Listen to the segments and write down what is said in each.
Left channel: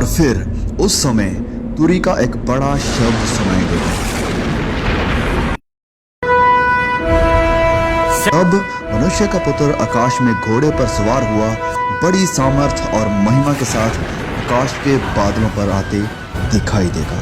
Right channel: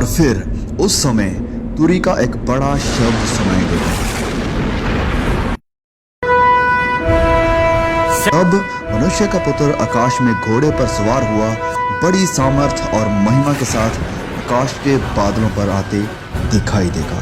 और फिर उस समय तुरी का एक बड़ा शब्द सुनाई देगा। अब मनुष्य का पुत्र आकाश में घोड़े पर सवार हुआ बड़ी सामर्थ और महिमा के साथ आकाश के बादलों पर आते दिखाई देगा।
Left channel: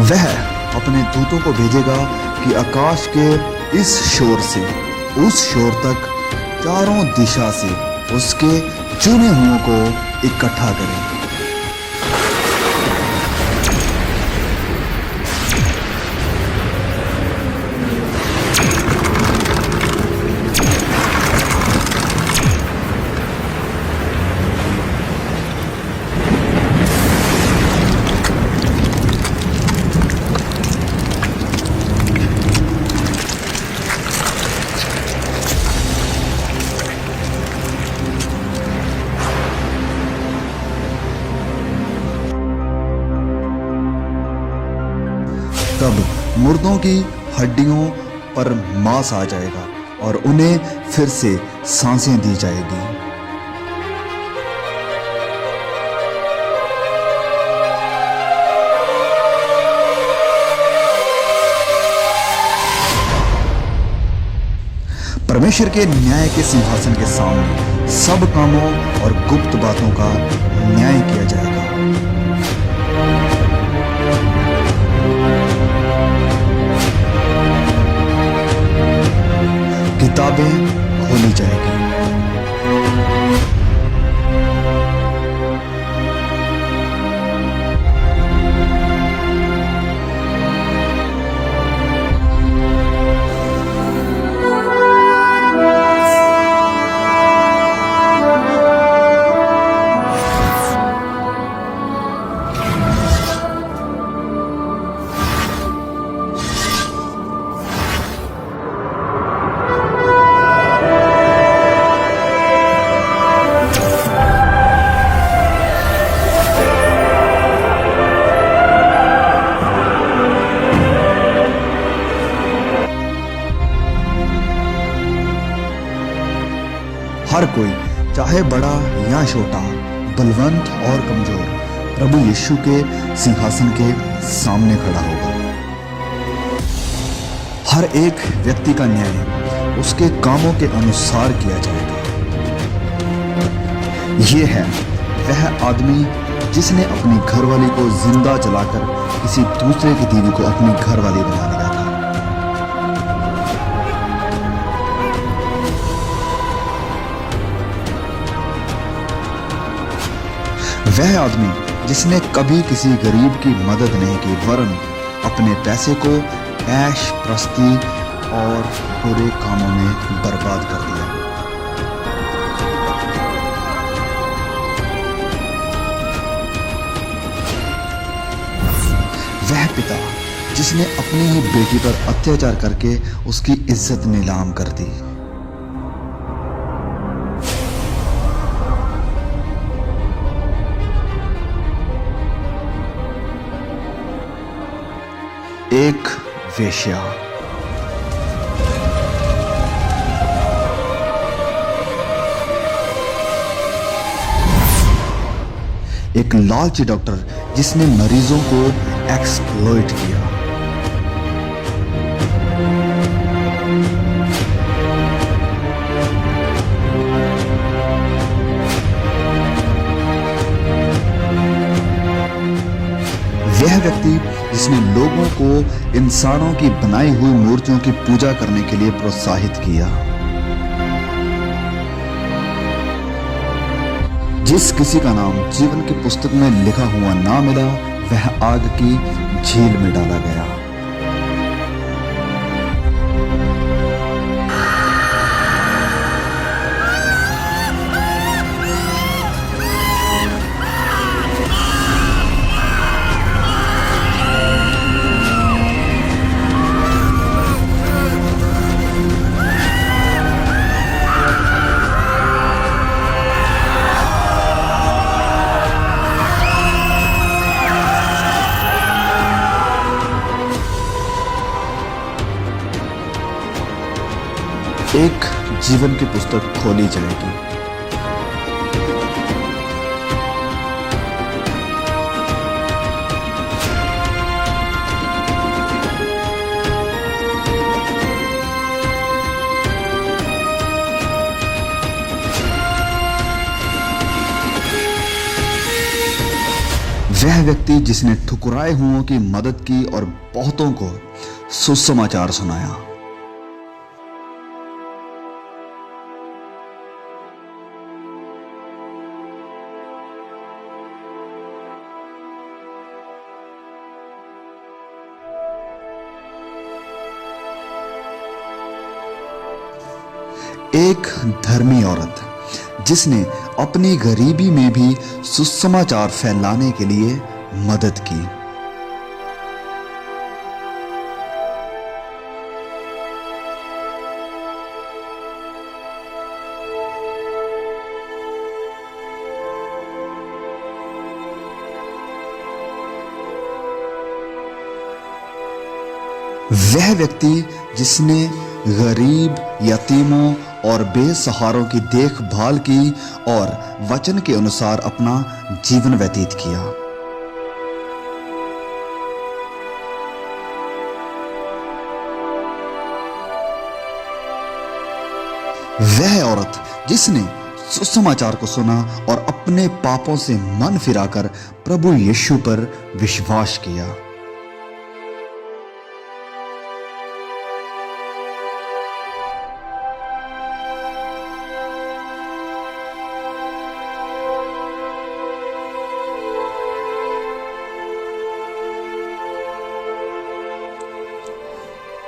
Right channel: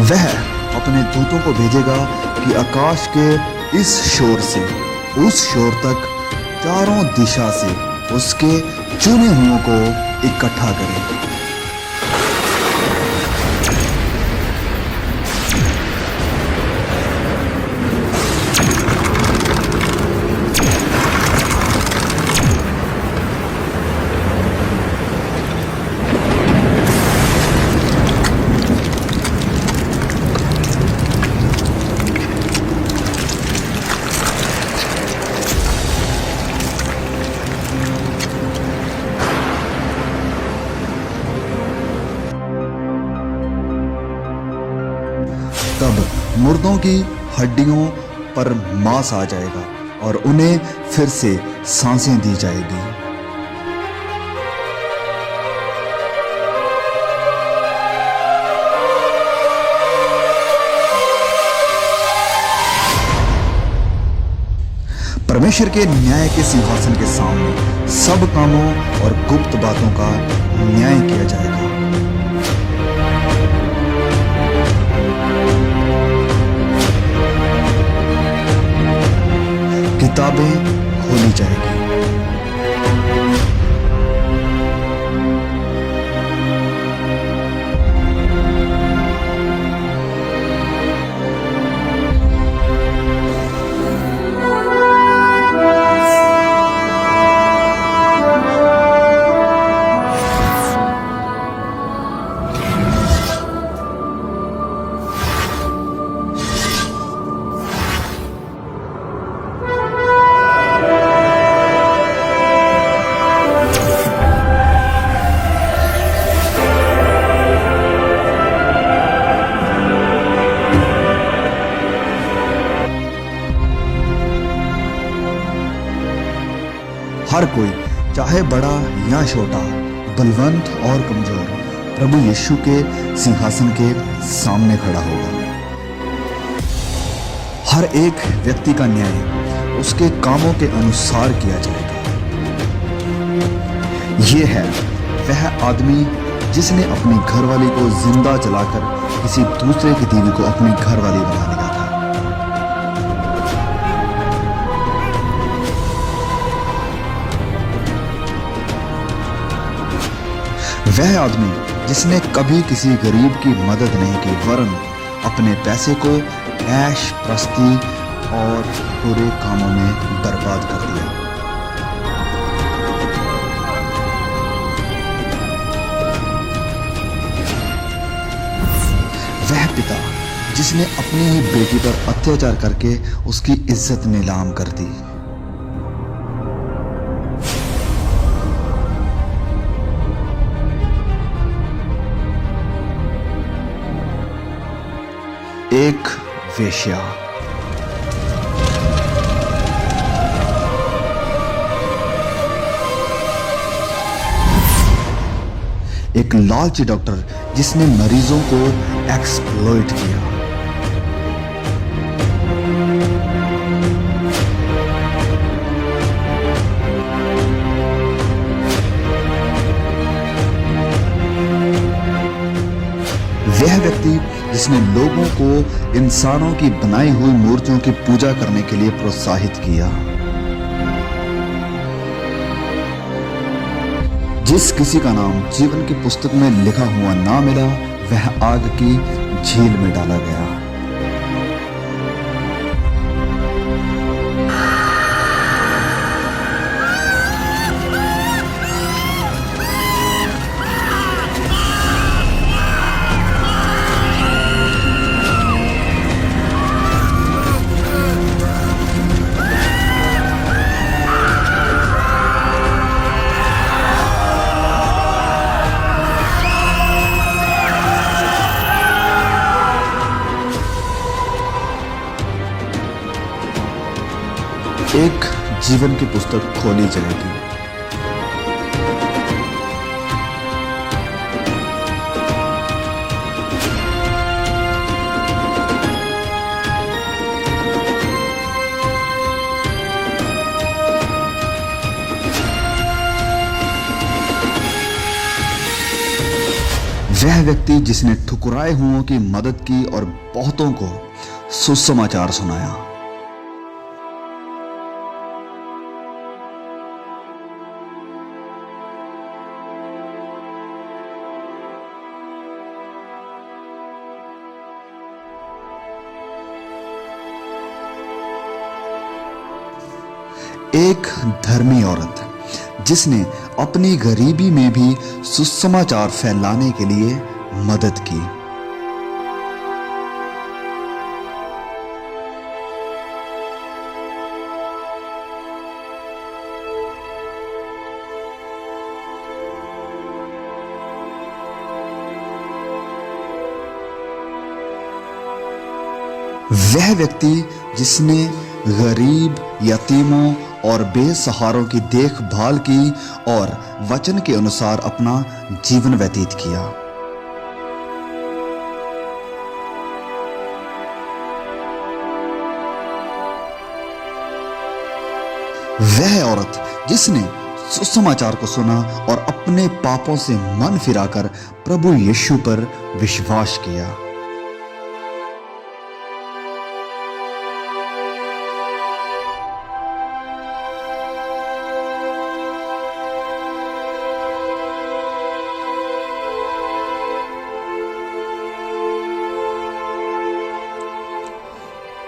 वह अपने दूतों को भेजेगा कि आकाश के इस शोर से उस शोर तक चारों दिशा से उसके चुने हुओं को इकट्ठा करें। तब मुर्दों की हड्डियों पर मांस आ जाएगा और उन्हें फिर से सांसें दी जाएगी। परमेश्वर के न्याय के सिंहासन के सामने सब कामों और गुप्त बातों का न्याय किया जाएगा। किताबें खोली जाएगी। हर कोई, चाहे बड़ा या छोटा, बलवंत और कमजोर, प्रभु यीशु के सिंहासन के सामने खड़ा होगा। हर एक व्यक्ति का न्याय उसके कामों के अनुसार किया जाएगा। यह है वह आदमी जिसने अपनी घरवाली को जिंदा जलाकर किसी दूसरे की बीवी को अपनी घरवाली बना लिया था। वह आदमी जिसने कभी किसी गरीब की मदद नहीं की, वरन अपने पैसे को ऐश प्रस्ती और बुरे कामों में बर्बाद कर दिया। पिता जिसने अपनी ही बेटी पर अत्याचार करके उसकी इज्जत नीलाम कर दी। एक वेश्या। एक लालची डॉक्टर जिसने मरीजों को एक्सप्लॉइट किया। वह व्यक्ति जिसने लोगों को इंसानों की बनाई हुई मूर्तियों की पूजा करने के लिए प्रोत्साहित किया। जिस किसी का नाम जीवन की पुस्तक में लिखा हुआ ना मिला, वह आग की झील में डाला गया। एक जीवन की पुस्तक खोली जाएगी। वह व्यक्ति जिसने ठुकराए हुओं की मदद की और बहुतों को सुसमाचार सुनाया। एक धर्मी औरत जिसने अपनी गरीबी में भी सुसमाचार फैलाने के लिए मदद की। वह व्यक्ति जिसने गरीब, यतीमों और बेसहारों की देखभाल की और वचन के अनुसार अपना जीवन व्यतीत किया। वह औरत जिसने सुसमाचार को सुना और अपने पापों से मन फिराकर प्रभु यीशु पर विश्वास किया।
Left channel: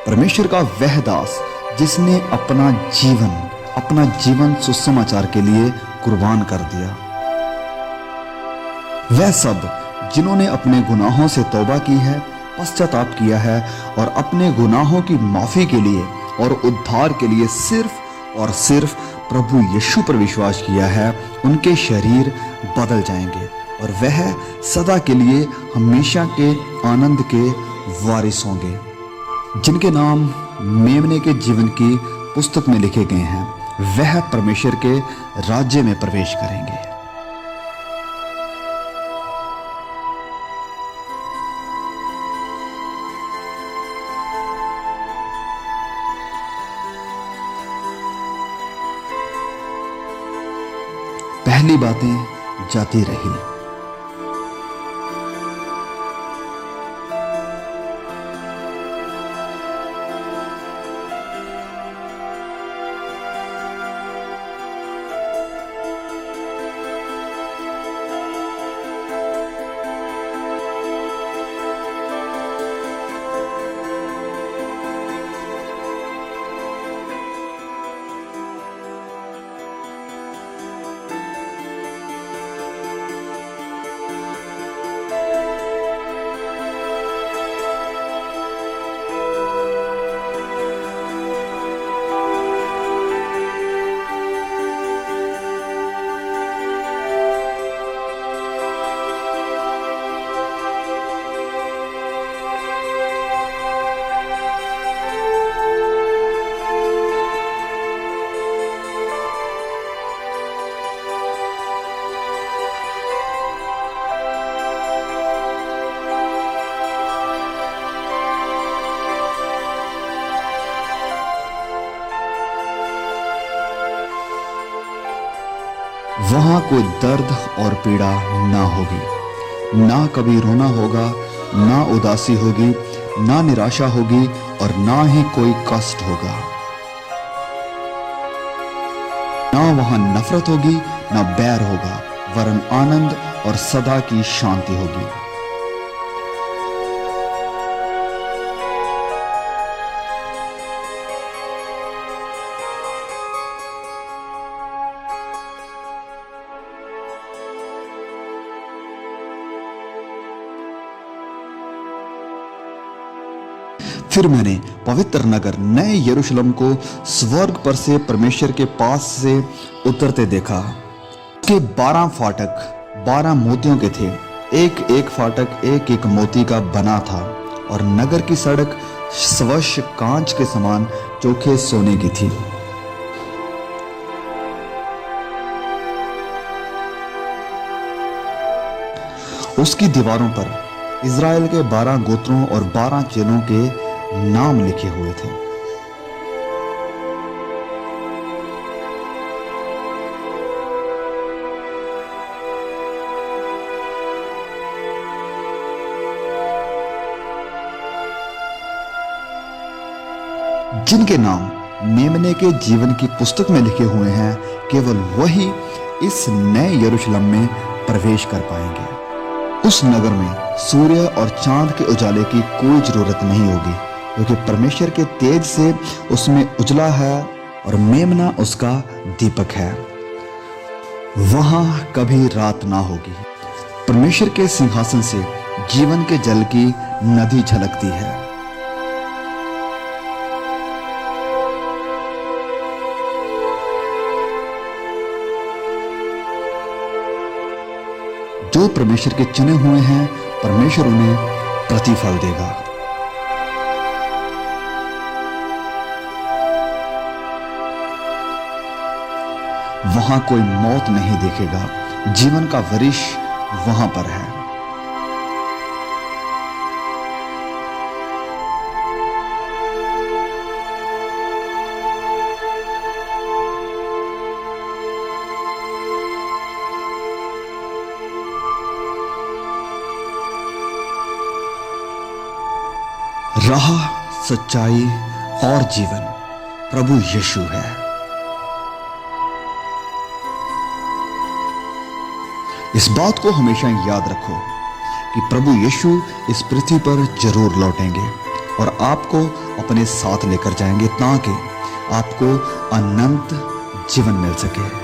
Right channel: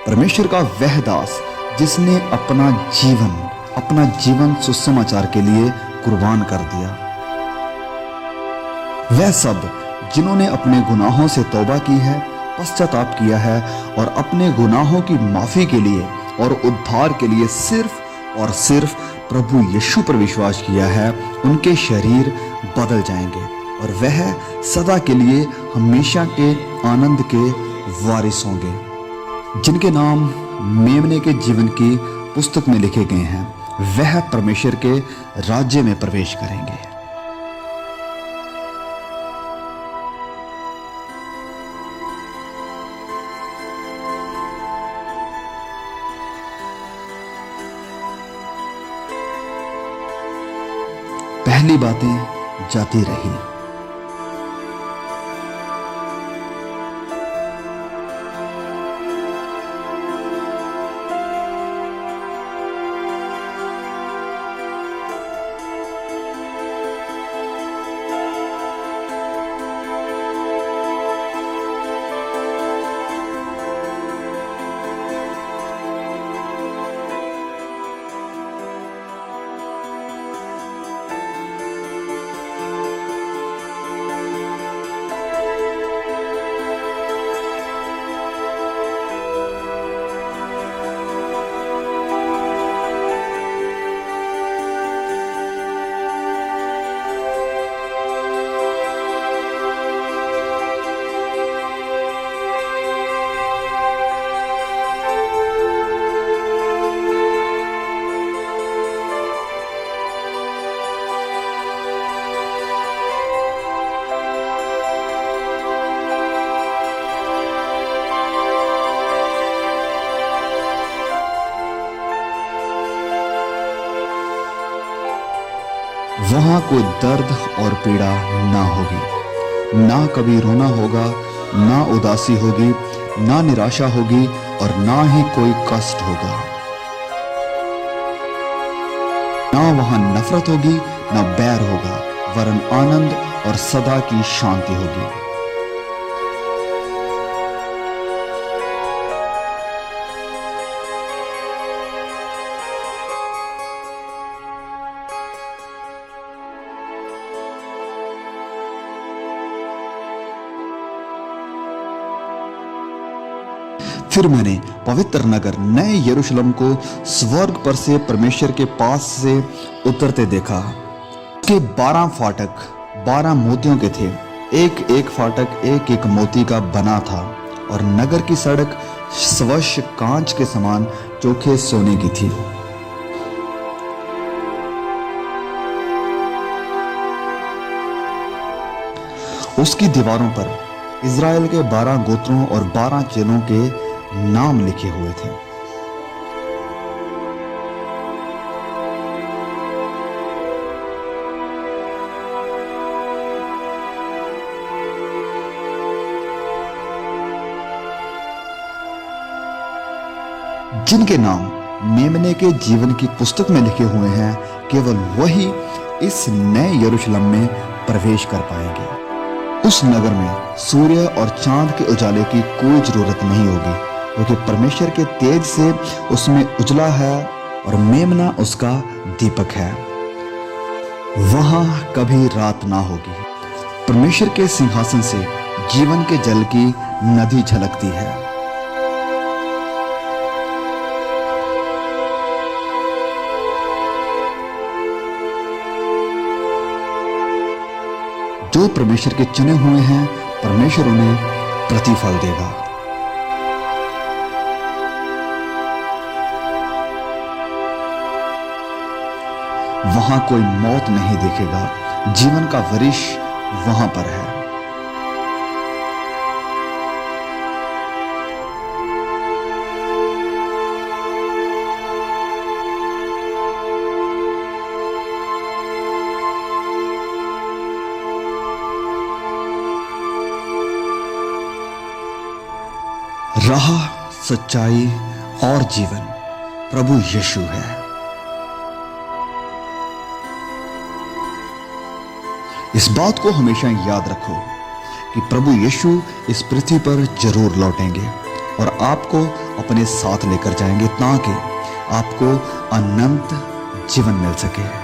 परमेश्वर का वह दास जिसने अपना जीवन सुसमाचार के लिए कुर्बान कर दिया। वह सब जिन्होंने अपने गुनाहों से तौबा की है, पश्चाताप किया है और अपने गुनाहों की माफी के लिए और उद्धार के लिए सिर्फ और सिर्फ प्रभु यीशु पर विश्वास किया है, उनके शरीर बदल जाएंगे और वह सदा के लिए हमेशा के आनंद के वारिस होंगे, जिनके नाम मेमने के जीवन की पुस्तक में लिखे गए हैं। वह परमेश्वर के राज्य में प्रवेश करेंगे। पहली बातें जाती रही। वहां कोई दर्द और पीड़ा ना होगी, ना कभी रोना होगा, ना उदासी होगी, ना निराशा होगी और ना ही कोई कष्ट होगा। ना वहां नफरत होगी, ना बैर होगा, वरन आनंद और सदा की शांति होगी। फिर मैंने पवित्र नगर नए यरूशलेम को स्वर्ग पर से परमेश्वर के पास से उतरते देखा। उसके 12 फाटक 12 मोतियों के थे, एक एक फाटक एक एक मोती का बना था और नगर की सड़क स्वच्छ कांच के समान चोखे सोने की थी। उसकी दीवारों पर इज़राइल के 12 गोत्रों और 12 चेलों के नाम लिखे हुए थे। जिनके नाम मेमने के जीवन की पुस्तक में लिखे हुए हैं, केवल वही इस नए यरूशलेम में प्रवेश कर पाएंगे। उस नगर में सूर्य और चांद के उजाले की कोई जरूरत नहीं होगी, क्योंकि परमेश्वर के तेज से उसमें उजला है और मेमना उसका दीपक है। वहां कभी रात ना होगी। परमेश्वर के सिंहासन से जीवन के जल की नदी झलकती है। जो परमेश्वर के चुने हुए हैं, परमेश्वर उन्हें प्रतिफल देगा। वहां कोई मौत नहीं देखेगा, जीवन का वरिश वहां पर है। राह, सच्चाई और जीवन प्रभु यीशु है। इस बात को हमेशा याद रखो कि प्रभु यीशु इस पृथ्वी पर जरूर लौटेंगे और आपको अपने साथ लेकर जाएंगे ताकि आपको अनंत जीवन मिल सके।